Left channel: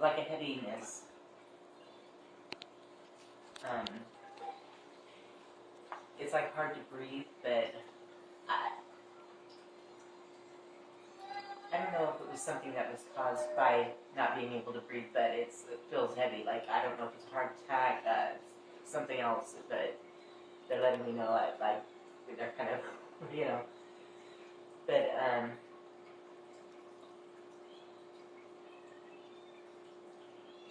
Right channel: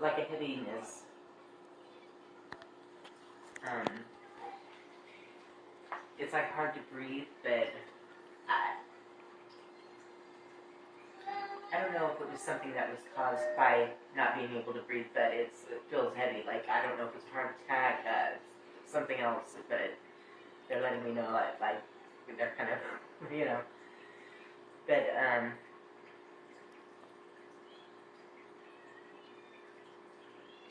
like a heaviness. It's like hard to breathe, but I don't know if it was something that was caused by not being able to breathe, but it feels heavy. Like, I don't know if it's a heart attack, something else, but they're letting me know, like they're kind of, but,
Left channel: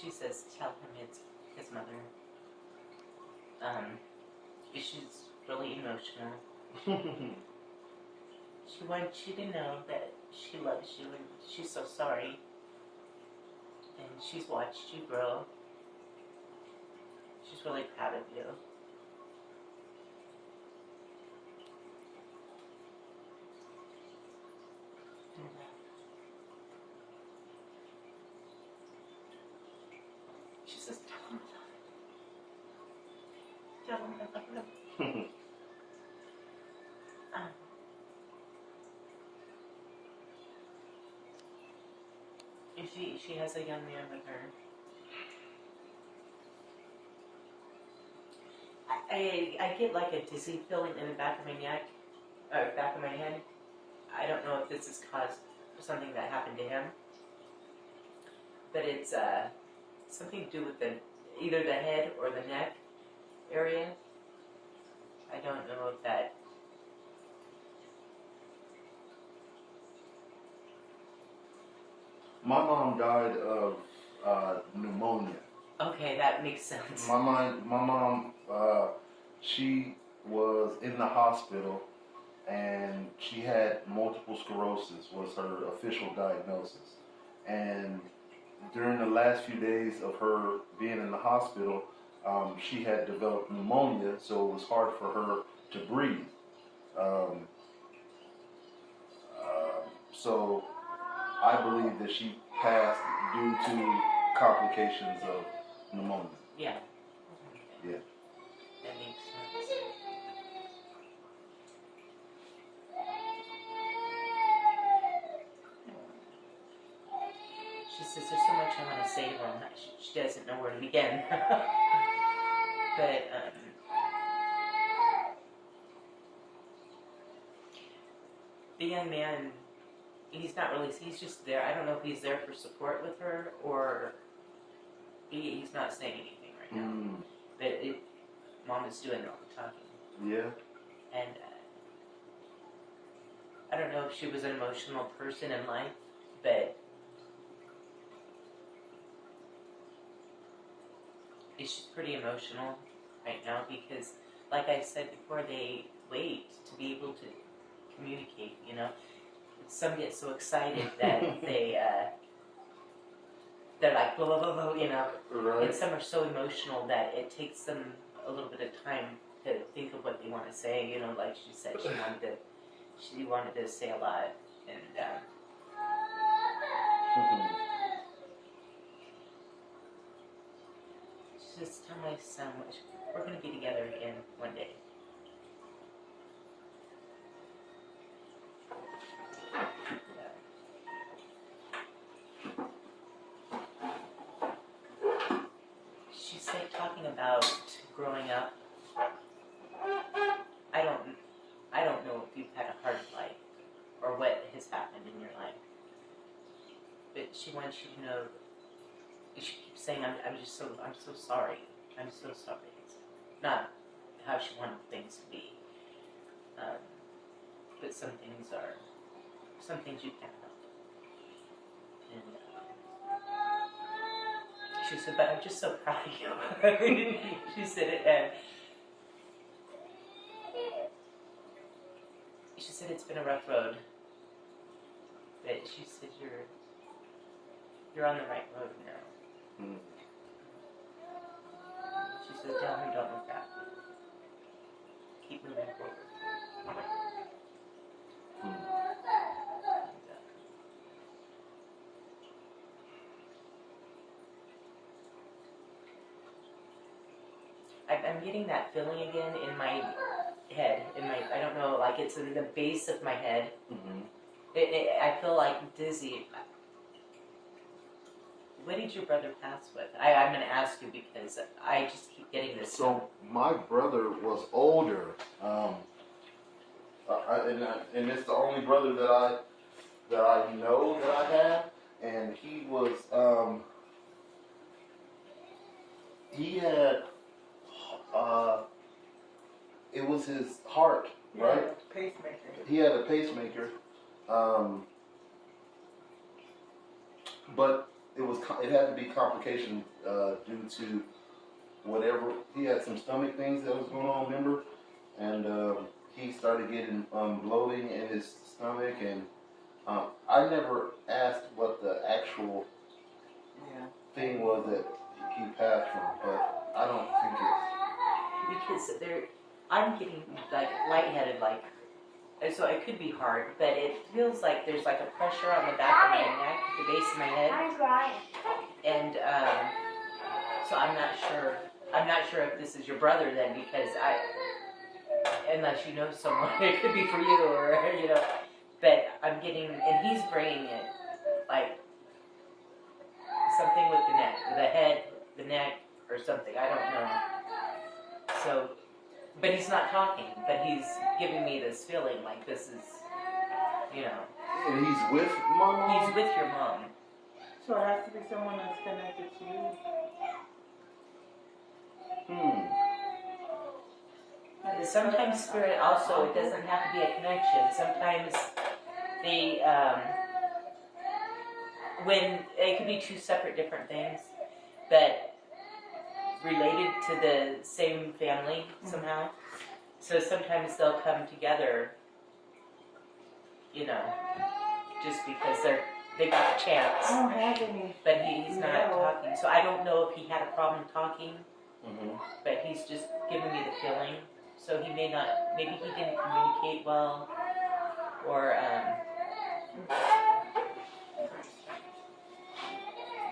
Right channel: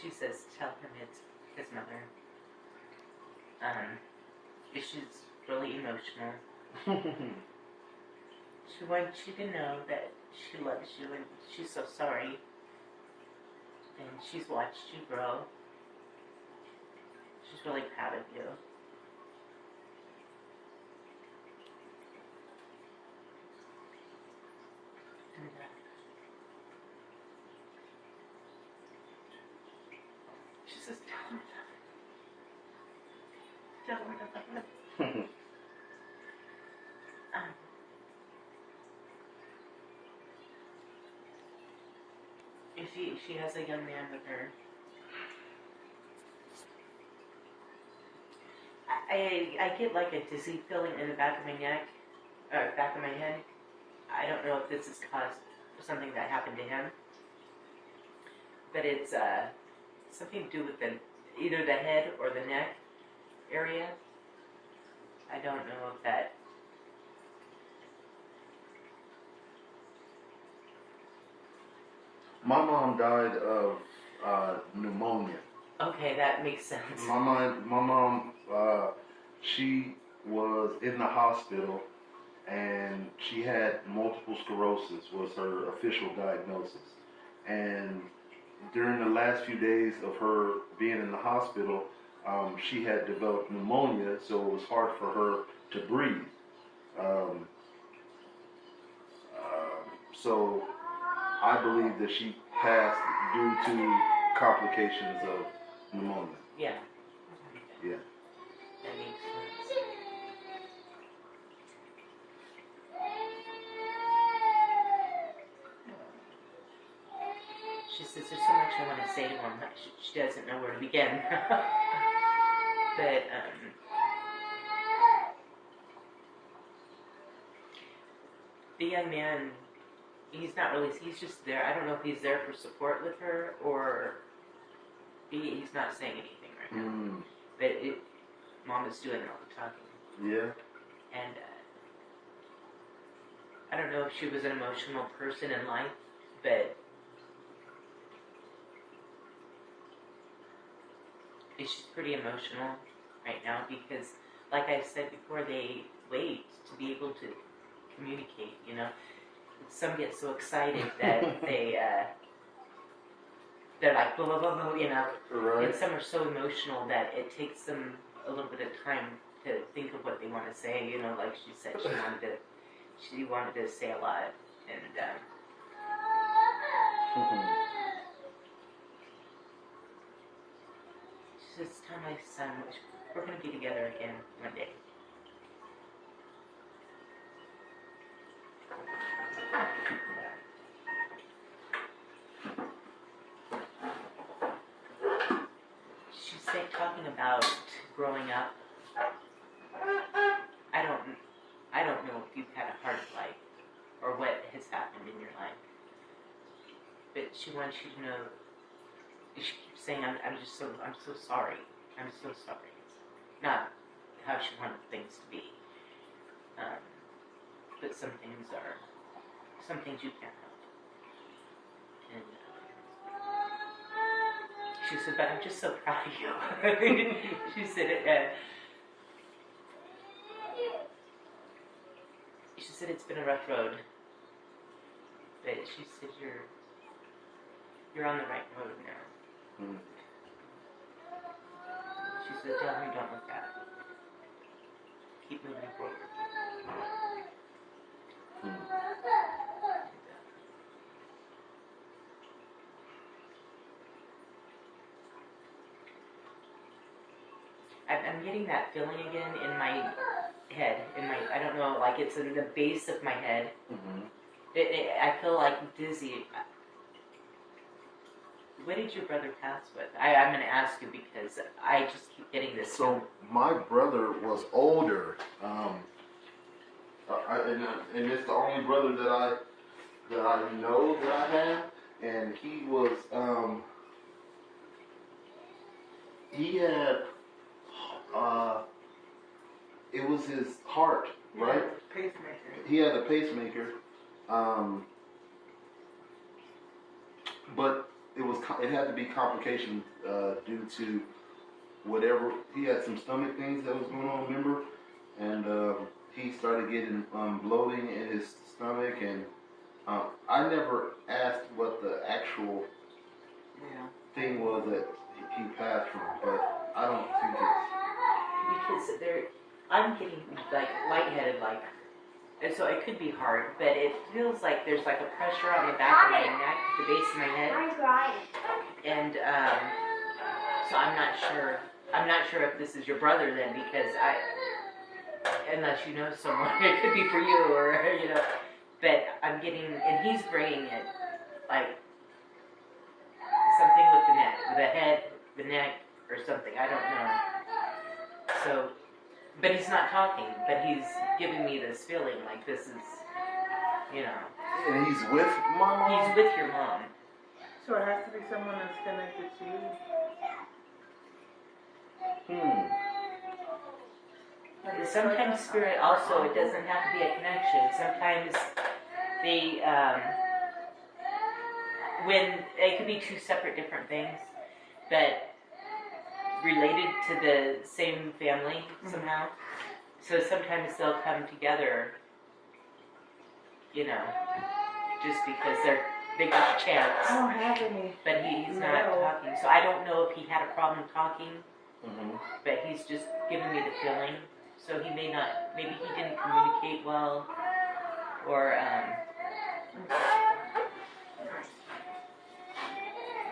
she says, tell him it's his mother. She's really emotional. She wants you to know that she loves you and she's so sorry. And she's watched you grow. She's really proud of you. And, she says, tell him. She has a young man with her. I get like a dizzy feeling in the back of my neck, or back of my head. I don't know if this is caused for something that happened to him, but it's something to do with either the head or the neck area. I don't know if that. My mom died of pneumonia. Okay, that makes sense. My mom, she was in the hospital, and she had multiple sclerosis was her official diagnosis. And during the last few days of her being in the hospital, she had developed pneumonia, so it was hard for her to breathe. So I believe that she passed due to complications of pneumonia. Yeah. Yeah. That makes sense. She says there's so much I want to say to him. She doesn't know where to begin. But the young man, he's just there. I don't know if he's there for support with her or he's not saying anything right now. But Mom is doing all the talking. Yeah. And I don't know if she was an emotional person in life, but she's pretty emotional right now because, like I said before, they wait to be able to communicate, Some get so excited that they're like, blah, blah, blah, blah, Right. And some are so emotional that it takes them a little bit of time to think of what they want to say, like she said, she wanted to say a lot, and she says, tell my son, we're going to be together again one day. She's talking about growing up. I don't know if you've had a hard life or what has happened in your life, but she wants you to know. She keeps saying, I'm so sorry. I'm so sorry. It's not how she wanted things to be, but some things you can't help. And she said, but I'm just so proud of you. She said, she said it's been a rough road, but she said you're on the right road now. She said, tell me don't look back. Keep moving forward. I'm getting that feeling again in my head. I don't know, like it's in the base of my head. I feel like dizzy. What did your brother pass with? I'm going to ask you because I just keep getting this. So my brother was older, and it's the only brother that I know that I have, and he was he had it was his heart, right? Yeah, pacemaker. He had a pacemaker, but it had to be complication due to whatever. He had some stomach things that was going on, remember? And he started getting bloating in his stomach, and I never asked what the actual thing was that he passed from, but I don't think it's because I'm getting like lightheaded, like, and so it could be hard, but it feels like there's like a pressure on the back of my neck, the base of my head, and so I'm not sure. I'm not sure if this is your brother then, because unless you know someone, it could be for you or But I'm getting, and he's bringing it like something with the neck, the head, the neck, or something. I don't know. So, but he's not talking, but he's giving me this feeling like this is, And he's with my mom? He's with your mom. So it has to be someone that's connected to you. Sometimes spirit also, it doesn't have to be a connection. Sometimes when it could be two separate different things, but related to the same family somehow. So sometimes they'll come together, just because they got the chance. I don't have any. But he's not talking. So I don't know if he had a problem talking, but he's just giving me the feeling. So he may not, maybe he didn't communicate well, or,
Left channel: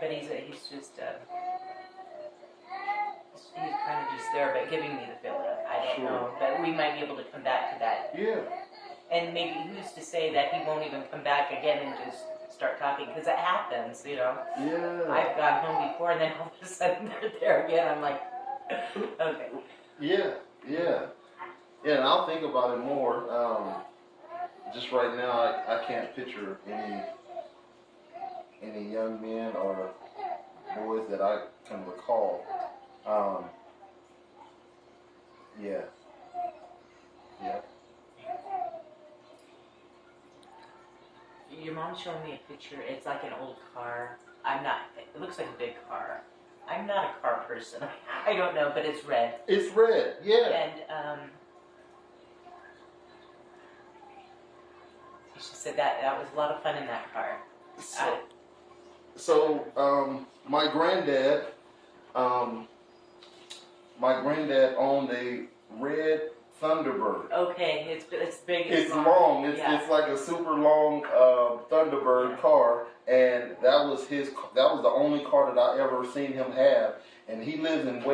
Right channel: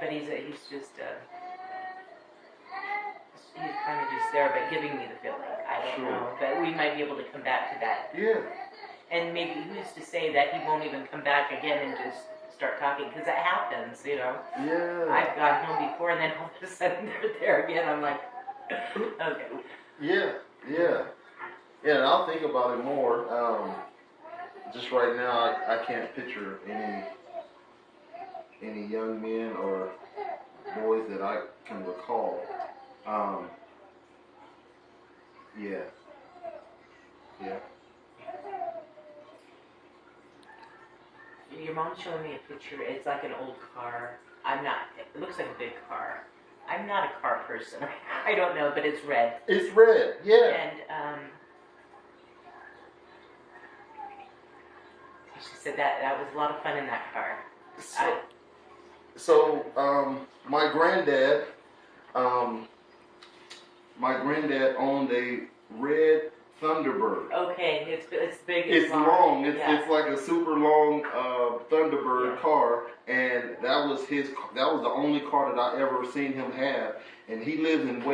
but he's just, he's kind of just there, but giving me the feeling. I don't know, but we might be able to come back to that. Yeah. And maybe who's to say that he won't even come back again and just start talking, because it happens, Yeah. I've gone home before, and then all of a sudden they're there again. I'm like, okay. Yeah, and I'll think about it more. Just right now, I can't picture any young men or boys that I can recall. Yeah. Your mom's showing me a picture. It's like an old car. It looks like a big car. I'm not a car person. I don't know, but it's red. It's red, yeah. And she said that was a lot of fun in that car. So my granddad owned a red Thunderbird. Okay, it's big. It's long. It's like a super long Thunderbird car, and that was the only car that I ever seen him have. And he lived in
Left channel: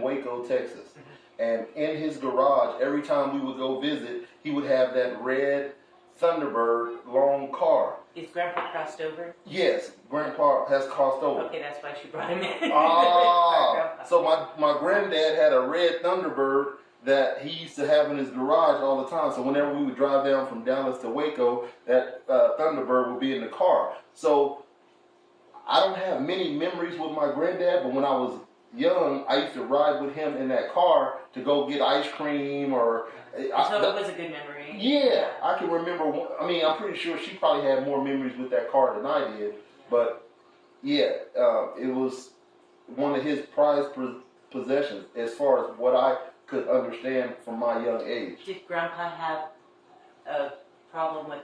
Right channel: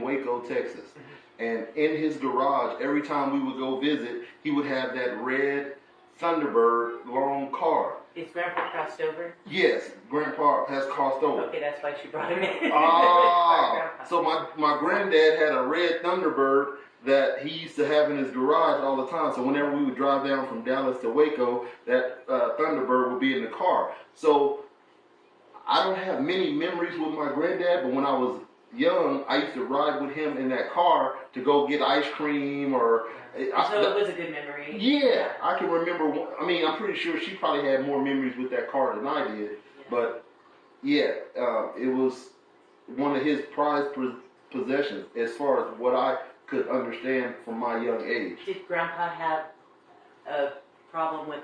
Waco, Texas. And in his garage, every time we would go visit, he would have that red Thunderbird long car. Is Grandpa crossed over? Yes, Grandpa has crossed over. Okay, that's why she brought him in. So my granddad had a red Thunderbird that he used to have in his garage all the time. So whenever we would drive down from Dallas to Waco, that Thunderbird would be in the car. So I don't have many memories with my granddad, but when I was young, I used to ride with him in that car to go get ice cream or... So it was a good memory. Yeah, I can remember. I mean, I'm pretty sure she probably had more memories with that car than I did. But yeah, it was one of his prized possessions as far as what I could understand from my young age. Did Grandpa have a problem with?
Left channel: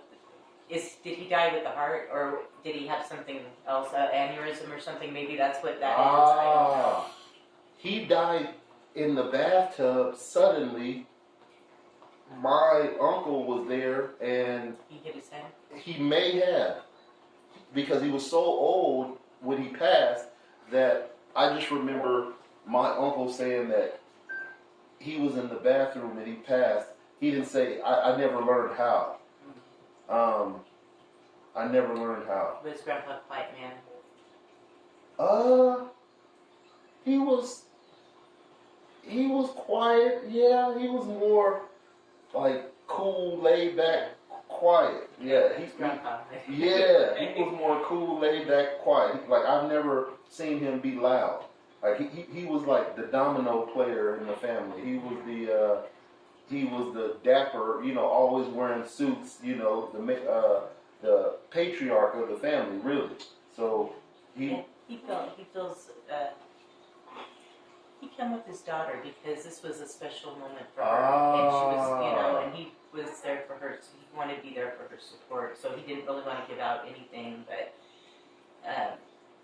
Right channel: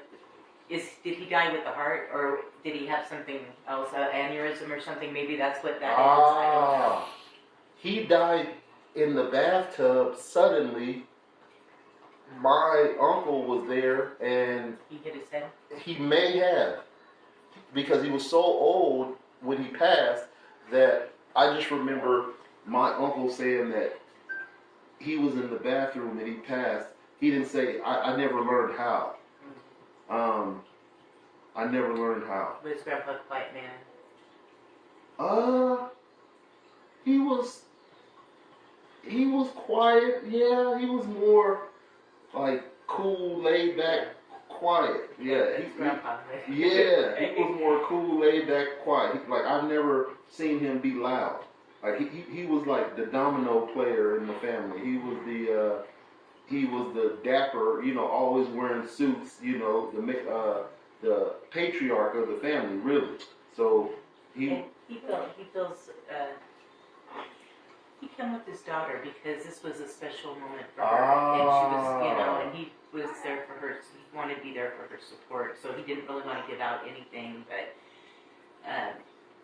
Did he die with the heart, or did he have something else, aneurysm or something? Maybe that's what that is. I don't know. He died in the bathtub suddenly. My uncle was there, and he hit his head. He may have, because he was so old when he passed that I just remember my uncle saying that he was in the bathroom and he passed. He didn't say, I never learned how. I never learned how. Was Grandpa a quiet man? quiet. Yeah, he was more like cool, laid back, quiet. Yeah, That's grandpa. yeah, he was more cool, laid back, quiet. Like I've never seen him be loud. Like he was like the domino player in the family. He was the dapper, you know, always wearing suits, you know, the patriarch of the family, really. So he feels he came with his daughter because this was a special moment for her, and she was, you know, and he was there for her. He wanted to be there for her support, so he didn't really want to give out anything, but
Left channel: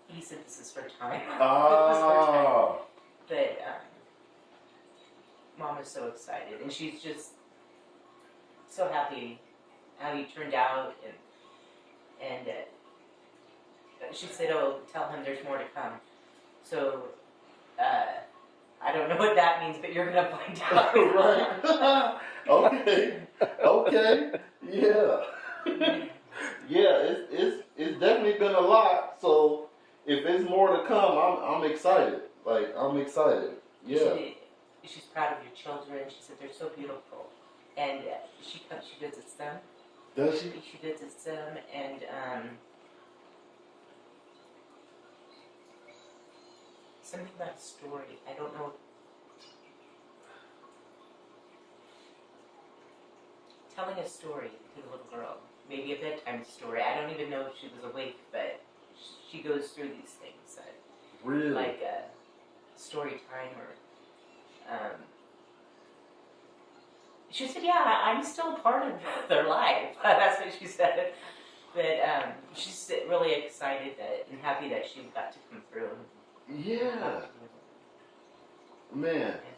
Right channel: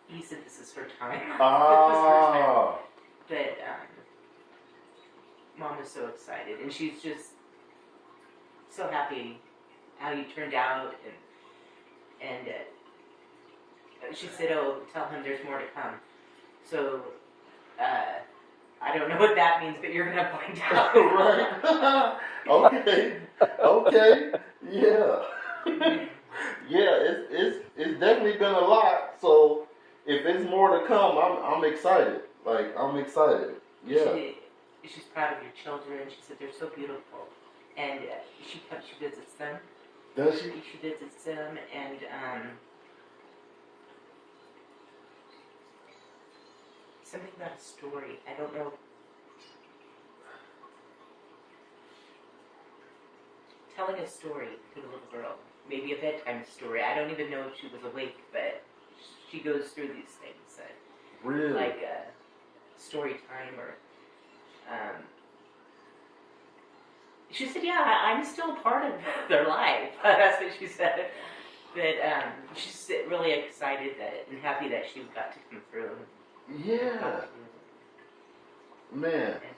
he said this is her time. But Mom is so excited, and she's just so happy how you turned out, and she said, "Oh, tell him there's more to come." So I don't know what that means, but you're gonna find out. Right. Okay. Okay. Yeah. Yeah. It's definitely been a lot. So if there's more to come, I'm excited. Like I'm excited. Yeah. She's proud of your children. She said they're so beautiful, and she visits them. Does she? She visits them, and something about a story. I don't know. Telling a story to the little girl, maybe a bedtime story. I don't even know if she was awake, but she goes through these things. Really? Like story time or. She said, "Yeah, I'm still part of their life." That's what she said. But she's really excited and happy that she got to come through. Yeah. Man. And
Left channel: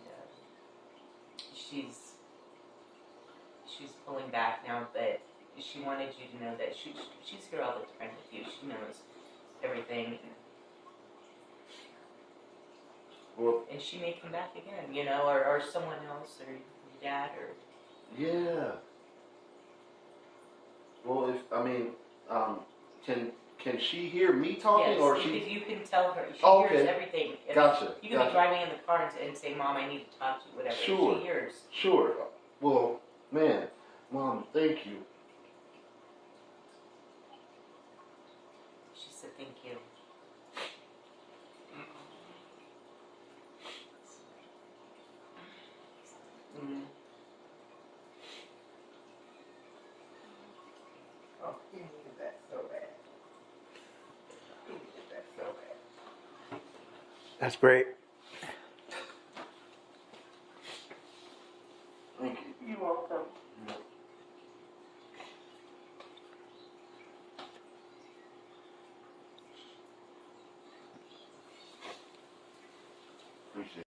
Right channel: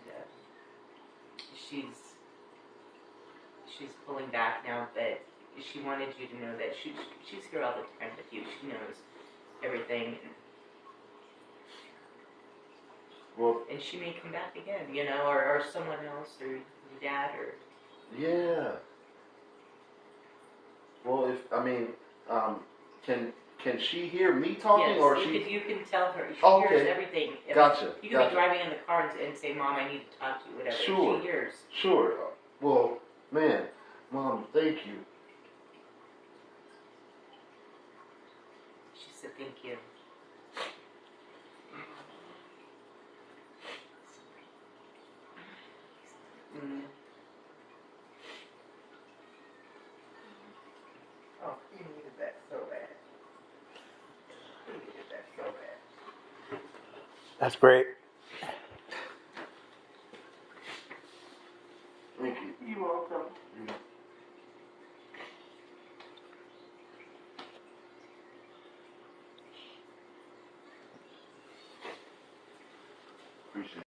she's pulling back now, but she wanted you to know that she's here all the time with you. She knows everything. Well, and she may come back again, you know, or someone else, or your dad, or... Yeah. Well, can she hear me talking, yes, or you can tell her. She okay. hears everything. Gotcha. You can be driving in the car and say, "Mom, I need to talk to you," whatever. Sure. She hears. Sure. Well, man, Mom, thank you. She said, "Thank you." Mm. Oh, he needed that so bad. He needed that so bad. That's great. Thank you. You're welcome. Appreciate it.